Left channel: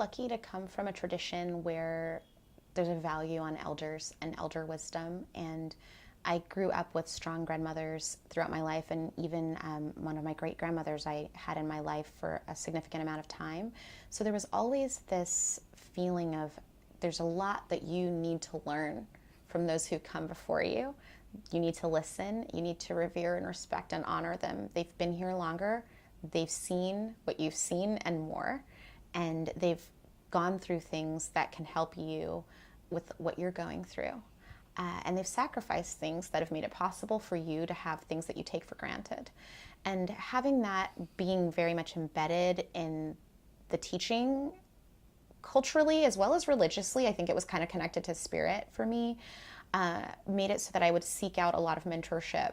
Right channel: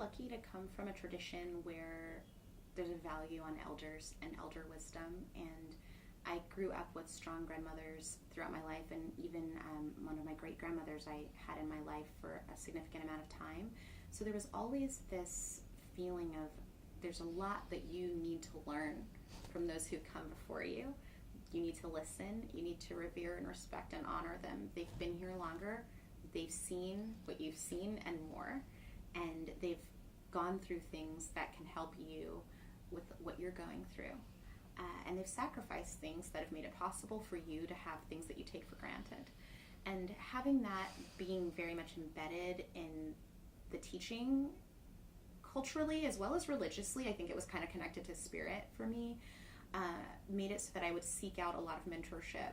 lucky to come from a tradition where there's a value on elders and elder wisdom, and I grew up with strong grandmothers throughout my life, and even one of my great-grandmothers I had in my life for a significant amount of time. So there was always this feeling of there's a lot that you need to learn from those who come before you. You need to listen, you need to revere and respect and honor them. They've been here longer, they've seen what you've seen and more, and they've gone through things that can help you with what you're going through. And they've sacrificed things that have made it possible for you to have things that you take for granted. And having that being very much embedded in the teaching culturally as well as religiously, I think it was kind of connected to spirit for me, made it so that I would seek out a lot of mentorship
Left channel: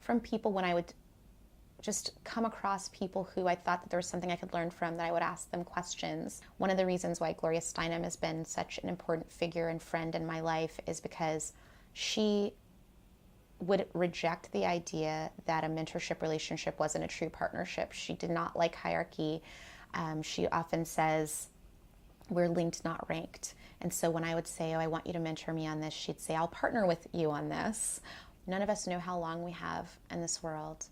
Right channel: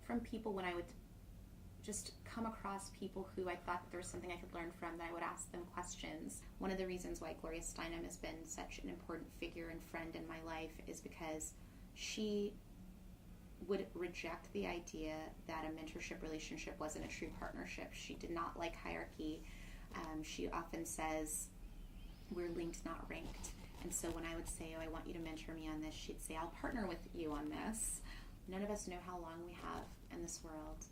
from people when I would just come across people who I thought that there was something I could learn from, that I would ask them questions. One of the reasons why Gloria Steinem has been such an important figure and friend in my life is because she would reject the idea that a mentorship relationship wasn't a true partnership. She did not like hierarchy. She often says, we're linked, not ranked. And so when I would say, oh, I want you to mentor me on this, she'd say, I'll partner with you on this. None of us know how long we have in this world.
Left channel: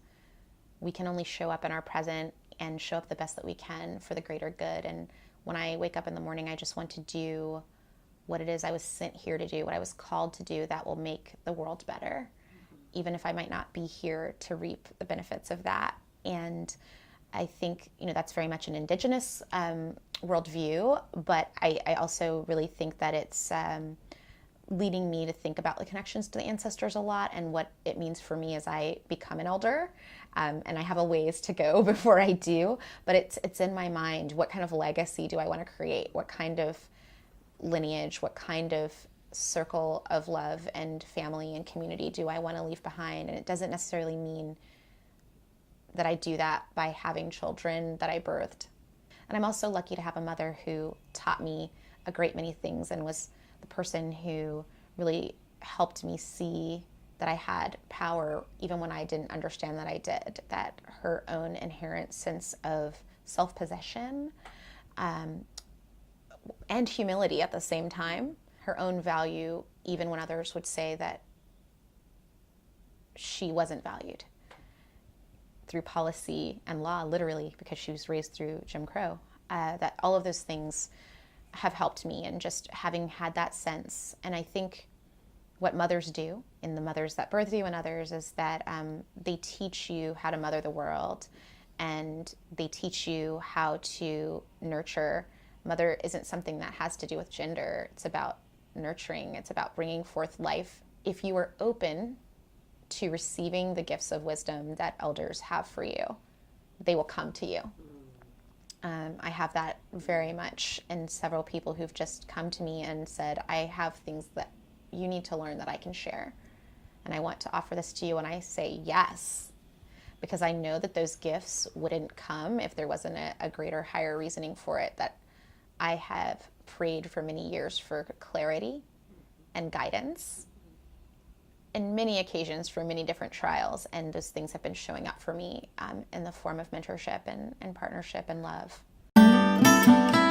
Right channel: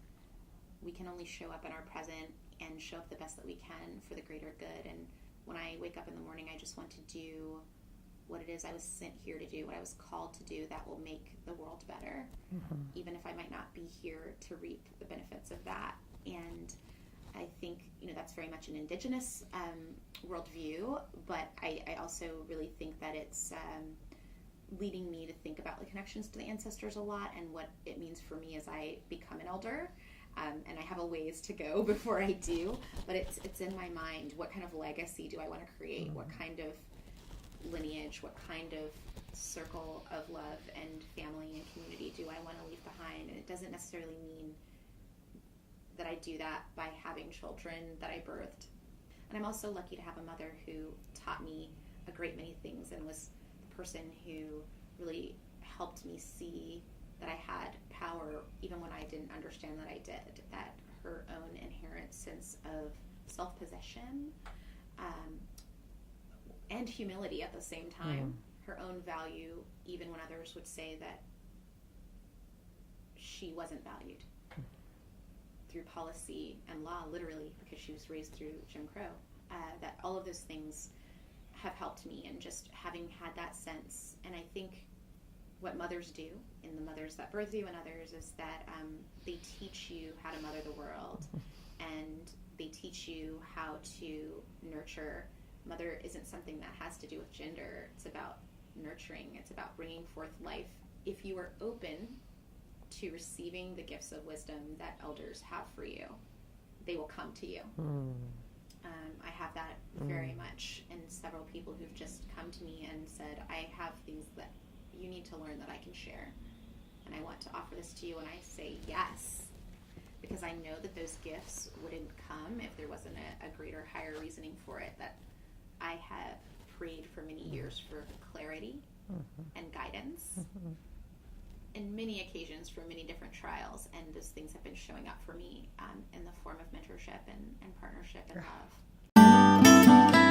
We can only show up in our present and show up the best that we can for the greater good. And when I wake up in the morning, I just want to do what it is I was sent here to do, what I was called to do that will make the world better, even if I might not be here to reap the benefits of that. And I think, that's very much an indigenous worldview, but I also really think that it's leading me to think about the connections to the ancestors a lot and what it means for me as I become an elder. And I have a ways to go before I do, but it's in my mind. What kind of legacy do I want to create? What kind of lineage, what kind of circle of love and family and community do I want to leave behind? And it doesn't necessarily mean that I do that by having children that I birthed. And I'm also lucky to have a mother who taught me a great many things and was the person who really helped me see that I had power even when I didn't understand that I did, that her own inherent sense of self-possession and humility at the same time, her own value even when others would say that she wasn't valued, through policy and law, literally, because she was raised through Jim Crow, that all of those things have helped me, and just having had that sense. And I think what mothers do, in the mothers that birth you and others, is that they teach you how to mother the world, and they teach you how to nurture. Mother isn't something that has to do with gender. It's about nurturing. It's about bringing forth life. If you are open to receiving the gifts of wisdom that elders have for you, they will come to you. I have that very much in several people who've just come to me and said, I have things that you need to learn that I can share, and I want to offer this to you. And I say yes, because I know that those gifts wouldn't come if there wasn't a greater, higher reasoning for it, that I have prayed for many years for clarity and guidance in many occasions for many different trials, and those things have been showing up for me in the form of mentorship and partnership and love.